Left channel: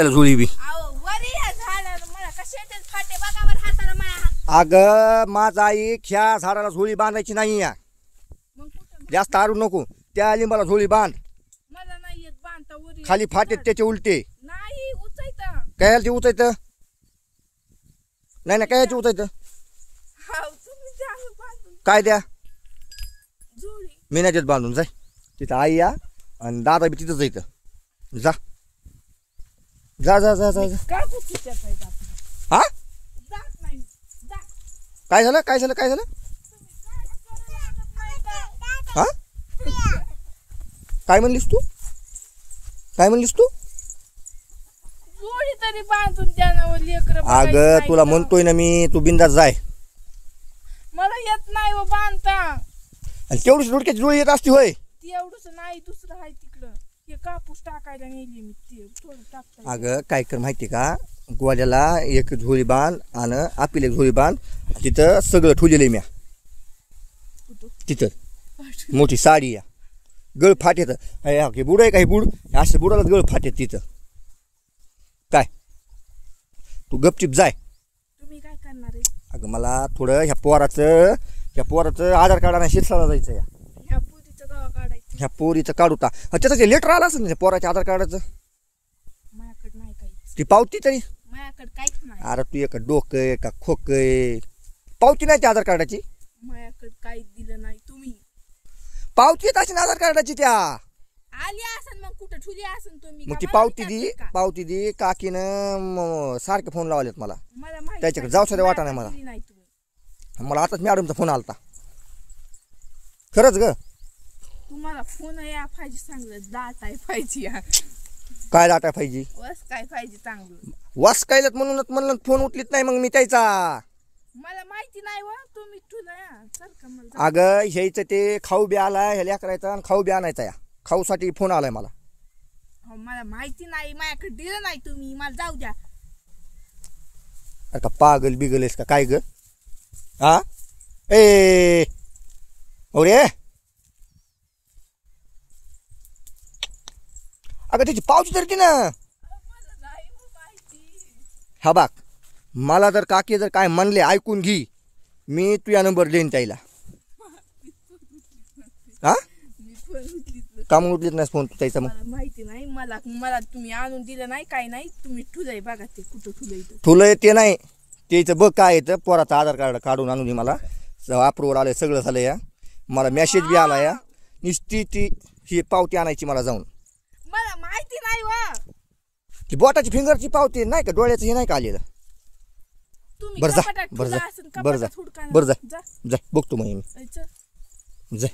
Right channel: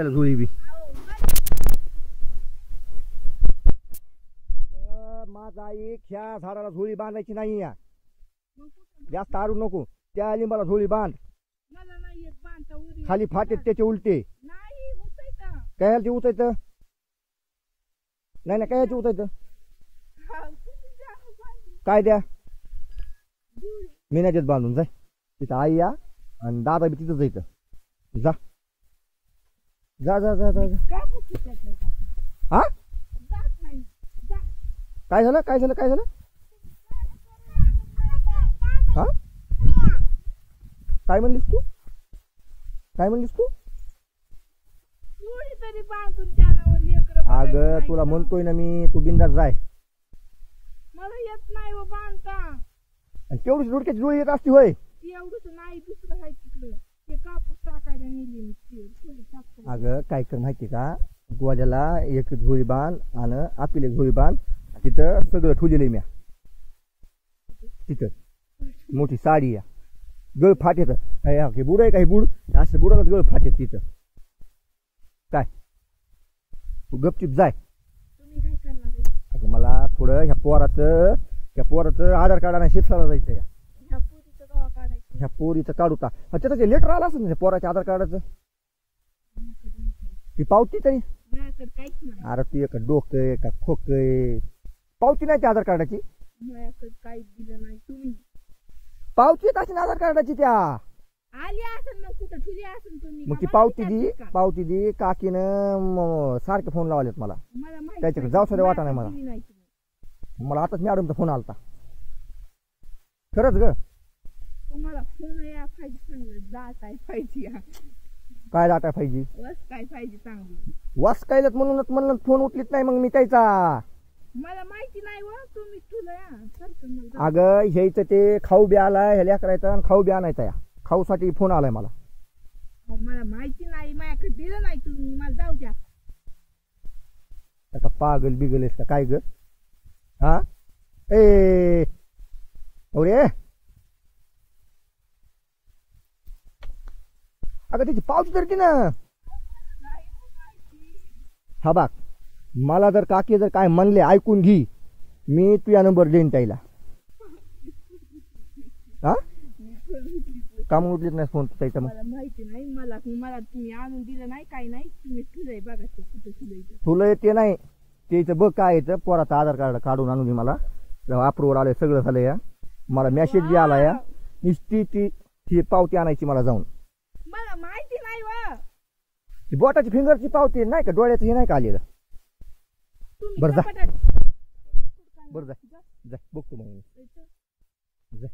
त्याला झोळी बी अहो वरी या झाडाला मला कशाचे फाटे बघा वर हाताला माया अगं माझा आई ह्या झाडाला झोळी बांधायची नाही या मग कुठं जास्त आरू नको त्या लिंबाला झोळी बांध मला नाही येत बांधता वरी खाली फाटेत त्याचे उलटे नाही उचायता काय ते उचायत नाही ना काय उचायत हाव तुम्ही जाणं बांधून काय द्या झोळी मी नाही देत बांधून जाय तिथं आई या आणि दादा बी तिथंच इथं जा जा जा जा जा जा. काय पुढच्या पाहिजे आपण हा जात नाही जा काय झालं काय झालं काय झालं हा काय म्हणलीस तू काय म्हणलीस तू जोडी तरी बांधून त्यानं लेकर अगं तुला म्हणतोय ना मी तू बिंदास जाय मला येत नाही व बांधता आणि तेवढीच रोडक्याची जोळी येत असती होय ती एवढंच नाही दुसरं आहे तिकडं हे कापूस टाकायला नेली मी ते थोडं टाकता अगं काय कर माहिती का गोल्याला एक झोळी बांध आणि आपली एक झोळी बांध तिथं सगळं ठेवलेलं आहे म्या तिथं मोठी साडी या गळ फाटेत हे बुड आहे का हे बुड असे बुडालाच गळ फाटेत तिथं काय तू गपचिप जाय तुम्ही काय करणार आहे अगं मला थोडं ह्या पोराचं आधार कार्डाने शिरसाला जायचं या ह्या पोरीचं गावा काढायचं ह्या पोरीचं काढू टा त्याचं ते लेटर आलं असेल ना पोराच्या आधार कार्डाचं माझ्याकडे नाही काही ती पावती तरी माझ्याकडे काहीच नाही अरे तू एक डोकं आहे का खोकं आहे पावती नाही त्या आधार कार्डाची माझ्याकडे काहीच दिलं नाही तुम्ही पावती येत असेल आधार कार्डाची त्या आली असन मग कुठं ठुली असन तुम्ही मग ती का? पावती दी काकीनं सारखे फोन लावलेत मला मला माहिती त्याच्याकडे नाही. जाऊ सुद्धा वाटा नाही माझ्याकडे दिली नाही तुम्ही मला आताच मॅडमचा फोन आलता खरंच ग तुम्हाला फोन या पाहिजे चांगलं दाट आहे पाहिजे या. काय डाटा पाहिजे बस काय पाहिजे चांगलं वास कायलत म्हणून फोन उचलीत नाही मग मी त्याचा मला माहिती नाही व तुम्ही ठुला चल का मला जाऊ. अगं ह्याचं ते खाऊ बी आलाय ह्याला करायचा आणि खाऊ बी आणायचा या खाऊसाठी फोन आलाय मला अहो, मला माहिती नाही माझ्याकडे दिलं नाही तुम्ही मला जाऊ द्या अरे का पागल बिगल आहेस का काय ग हा ए अरे अगं त्याची पावती तर ती ना मला नाही हो माहिती हा बाग मला जर काकी जर काय म्हणले ऐकून घे मी तुझा नंबर देईन त्याला हा मी फोन उचलीत का म्हणून उचलीत नाही फोन त्याचा मग मला माहिती नाही मला तुम्ही आणून दिलं नाही काय नाही तुम्ही ठुलय बघा ते कुठं ठुलय ते तुला ते नाही त्याचं बघ काय येतं पोराचं आधार कार्ड काढून आणून दे मला अप्रूव्हल आलं सगळं झालं या मला मेसेज बी आला या नुसती ती ही पावती आणायची मला जाऊन मला माहिती नाही वा ती बोटाची फिंगरची पावती नाही का डोळ्याचं हे नाही का आलेलं तुम्ही बरं जा कपाटात बरं ठुला जा असेल, बरं जा कपाटात हुडका ना. बरं जा जा जा बघतो मग जायचं. मी जा